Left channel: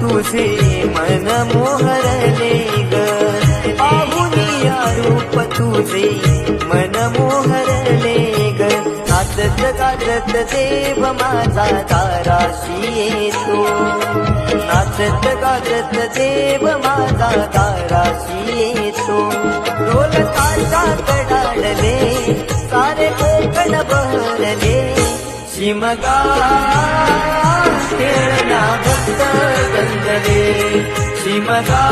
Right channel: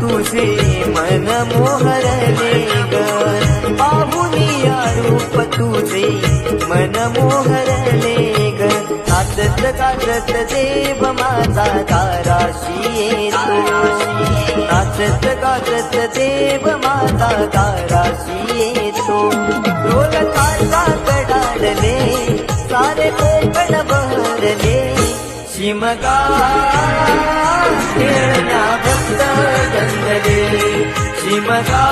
तुझे मन मोहरले ग पाहुनिया रूप तुझे मन मोहरले ग नाचत गाजत देव माझा दाराशी येतो नाचत गाजत देव माझा दाराशी येतो ढोल ताशा कडाडले सारे कोकण बहरले शिमगा खेळण्या भक्त गंधले शिमगा